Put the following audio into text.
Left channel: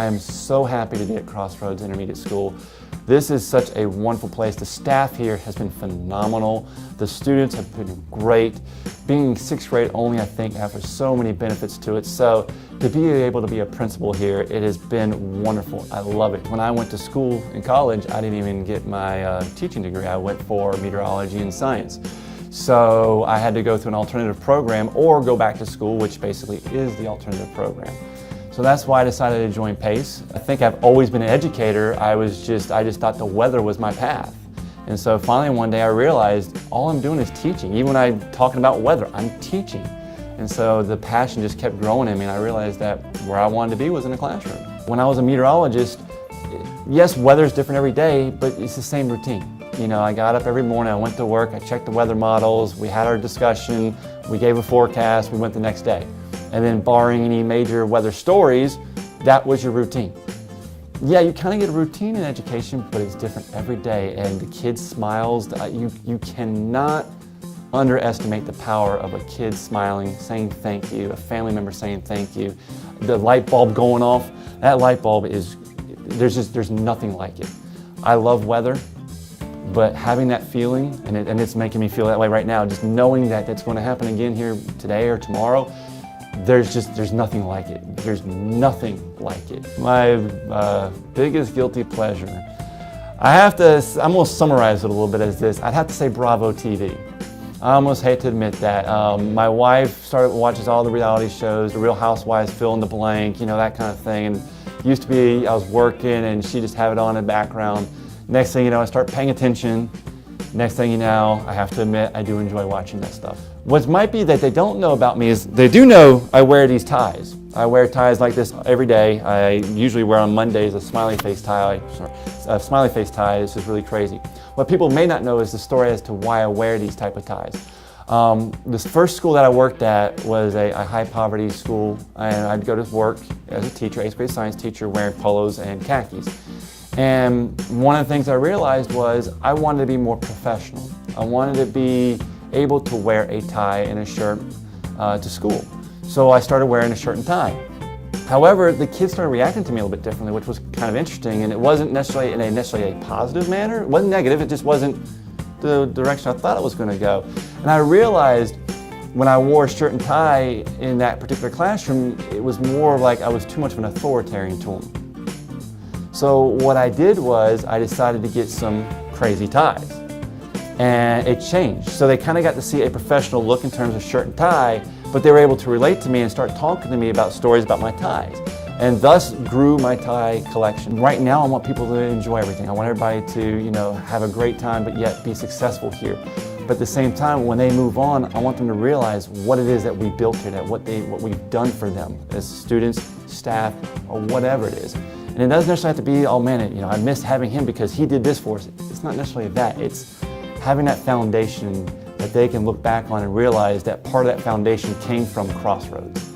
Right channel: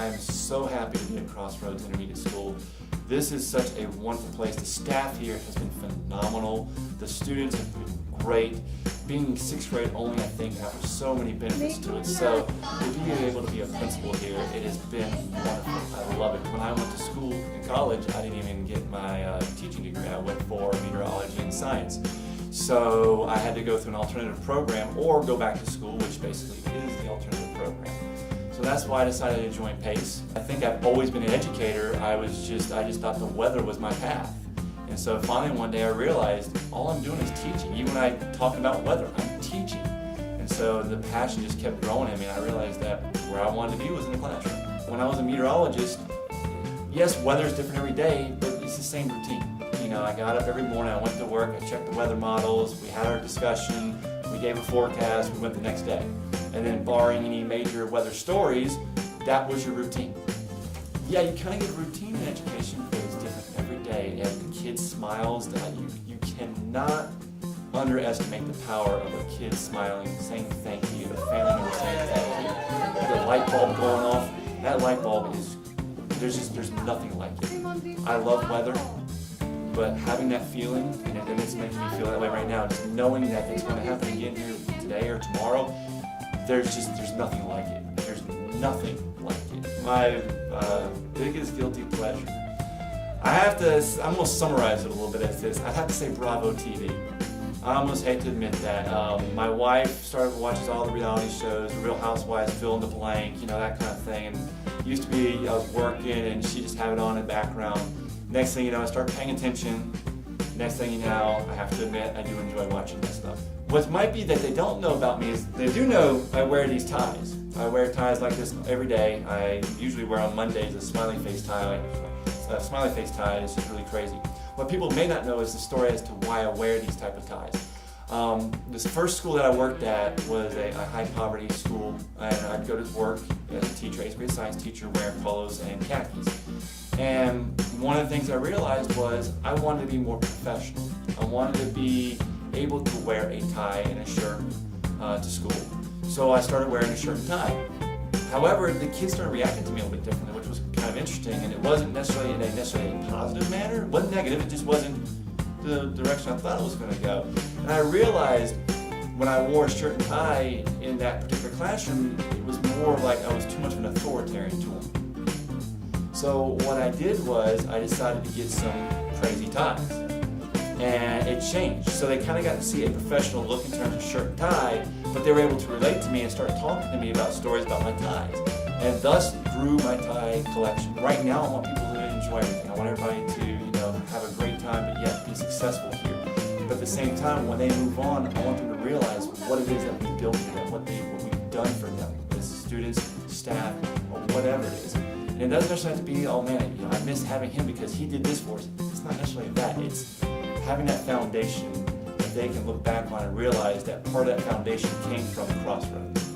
I am so happy to be at CrossRoads Intermediate School. This is such a wonderful place. The staff here has been phenomenal. The students have been great. Being sixth grade only, I think, offers so many benefits to it. So to be able to be a principal here, it has been wonderful. I love it. When I went to school in college, I didn't even get my teaching degree. I went for meteorology and science. So I had to go through an alternative program or go back to school, which basically is the alternative program. So that's why I decided to join PACE. I think I've always been an educator. I just thought the weather was my path. And so finally one day I realized all I'm doing is teaching. Even when I'm talking about weather, I'm teaching. And so the passion just kept growing in me, and I realized that where I wanted to be was in the classroom. When I was a meteorologist, yes, weather's different every day, but it's the same routine. You know, I got up every morning, I went to work, I checked the weather models, we had our discussion, we gave a forecast, we went the next day. And then barring any major weather stories, that was your routine. Yeah, you kind of get a routine in education, but it's different every day, and the kid's smiles, you cannot underestimate the power of a kid smiling, saying thank you, a family member saying thank you, the light bulb going off. That light bulb is, there's nothing like it. I love weather, but having that feeling, and it's making me feel that way right now, just knowing that that's going to happen again here today or tomorrow, there's nothing like it. There's nothing like it. My biggest guilty pleasure, I'm going to summarize it a little bit as this. I'd have to say Bravo TV. I almost hate to admit that. My wife watches all the reality shows, The Real Housewives, fill in the blank, you know, that kind of thing. And used to be, I was working and she just have it on in the background. Next thing you know, I start paying attention. Next thing you know, I have to admit, I do enjoy watching this stuff. What might be that they don't know about me is they do know I wear these ties. I wear ties like this every day. I usually wear on Mondays a smiley face tie. A smiley face tie is just really crazy. What people may not know is the story as to why I wear these type of ties. This first school that I worked at was a high poverty school, and I'd go to work as a teacher, 8th grade science teacher, wearing polos and khakis. And one of the things I realized was I wanted to be more professional. I wanted to be able to wear a tie and a shirt to school. So I started wearing a shirt and tie. However, the kids started reacting to me a little bit differently, which was kind of interesting, and it wasn't necessarily in a positive manner. It wasn't negative, it just wasn't the direction I thought it was going to go. And I realized when I wore a shirt and tie in that particular classroom, it was more like I was too much of an authoritarian to them. So what I did was I decided to get some crazy ties, and it changed. So they kind of got to see a professional look in terms of shirt and tie, but they were able to relate to me and start talking to me about stories about my ties, and thus grew my tie collection. Right now I want people to enjoy everything. I want everybody to, you know, have a great time but yet be successful here. But at the same time, when they move on, I want them to realize what it is that we built here, that what we've done for them as students, staff, or whatever it is. And it doesn't necessarily have to be, oh man, you know, I missed having him because he did this for us. It's not necessarily that. It's having that foundation that they can look back on and realize that part of that foundation came from CrossRoads.